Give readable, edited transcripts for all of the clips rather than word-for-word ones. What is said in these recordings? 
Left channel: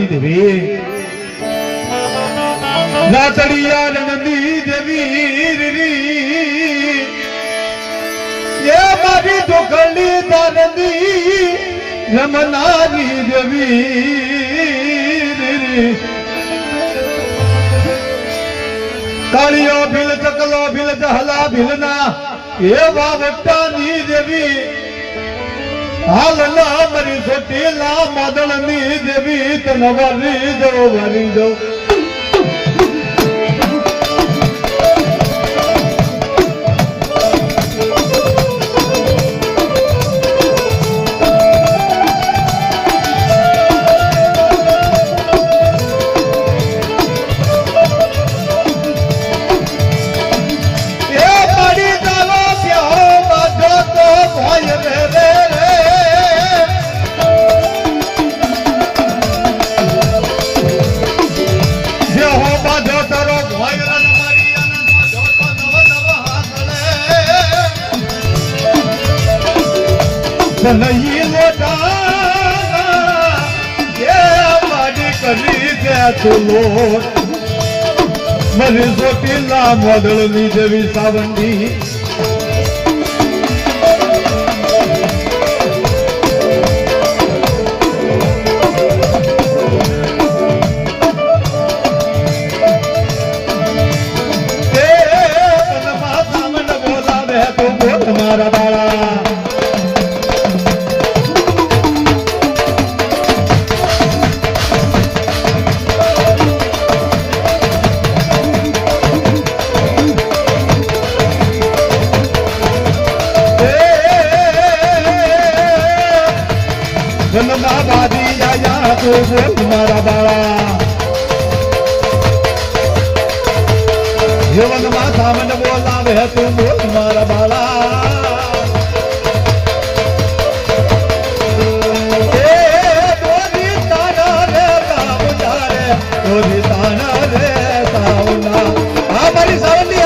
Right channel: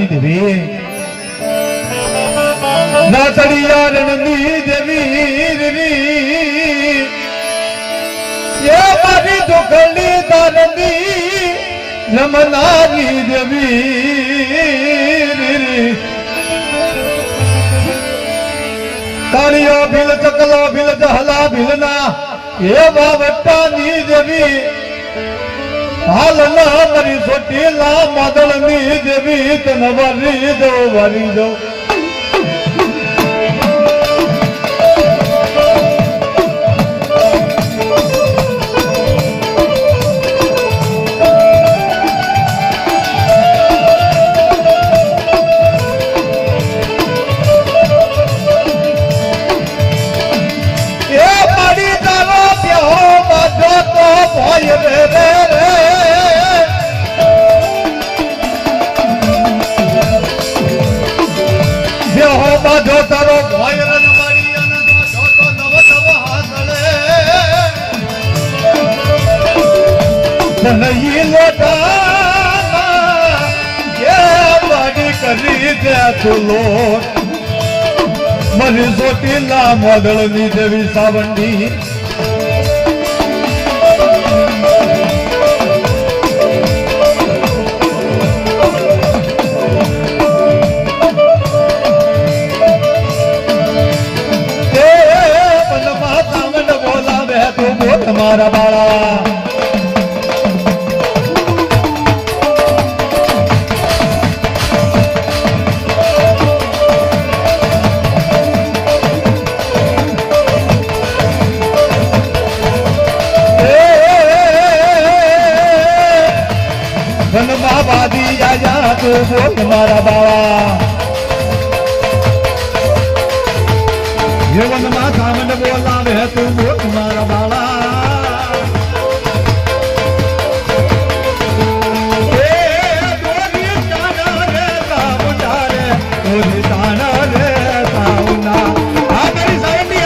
ની દેવી નાતડિયા રણની દેવી એ મારી દુખડી દાનની રમનારી દેવી તાળીઓ ભીલ ચકલો ભીલ જહલા ભીલના એ બાવટાની દેવી હાલના મારી સોટીલા માદળની દેવી તન વરી દો મને સોટીલા મોદળની દેવી સાવંડી બોલાવે તો તમારા બાળા તમારા બાળા જીવનમાં સામન બોલાવે તું બોલ મારા બાળા દોરી તાના રે સાઉના રે દોરી તાના રે સાઉના આ મારી સાવંડી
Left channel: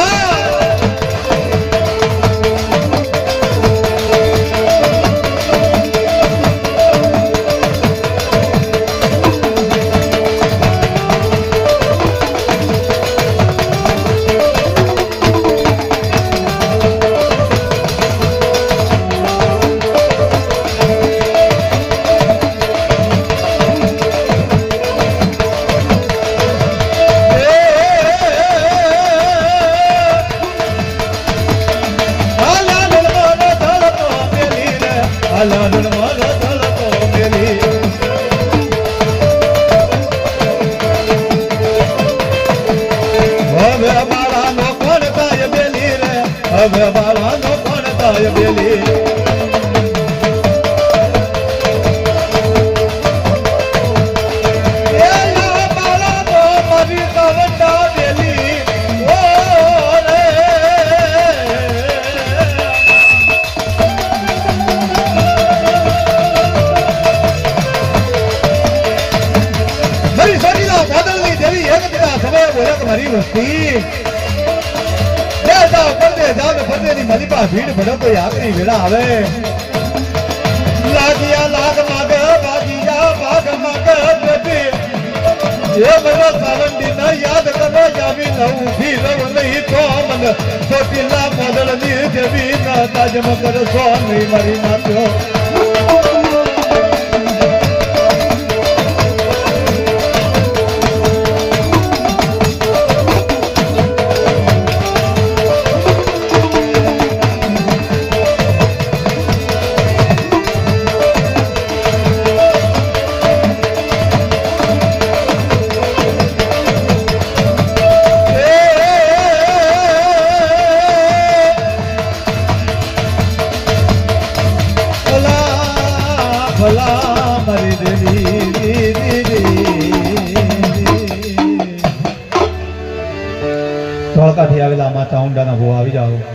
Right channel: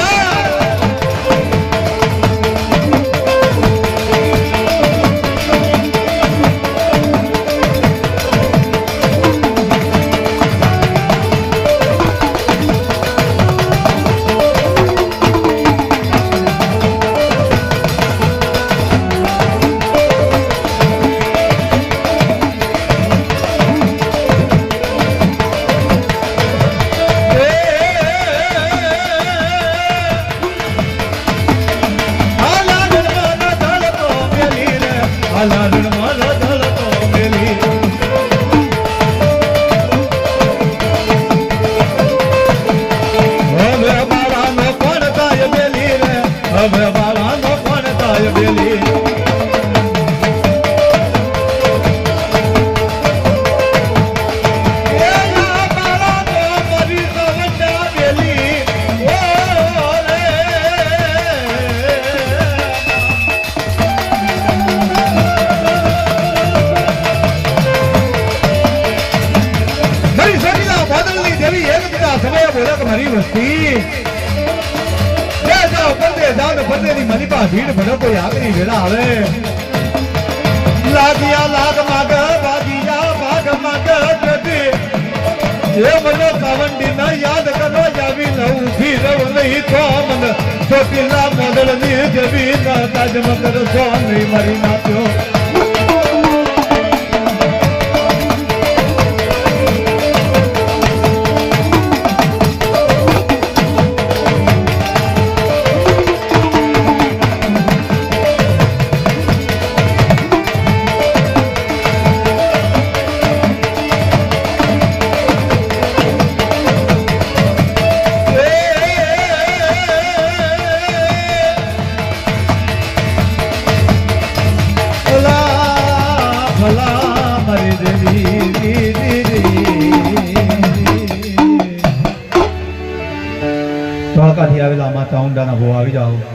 હવે બાળાનો કોણ થાય બેલી મારી વસ્તી મારી પાસે ભીડ ભડો કોઈ આખરી વેળા આવે લાગિયા લાગ માગ ભાગિયા ભાગ માગ બેટી એ મને સાવંડી ના યાદ કરો આવી લઉં થી રહું નહીં તો મન સોટીલા મોદળ ની જેવી ના તાજ મગર સો નહીં મારી નાખ્યો ધોળકાથી આવેલા માતા ઊંડાના ભો આવી જાઓ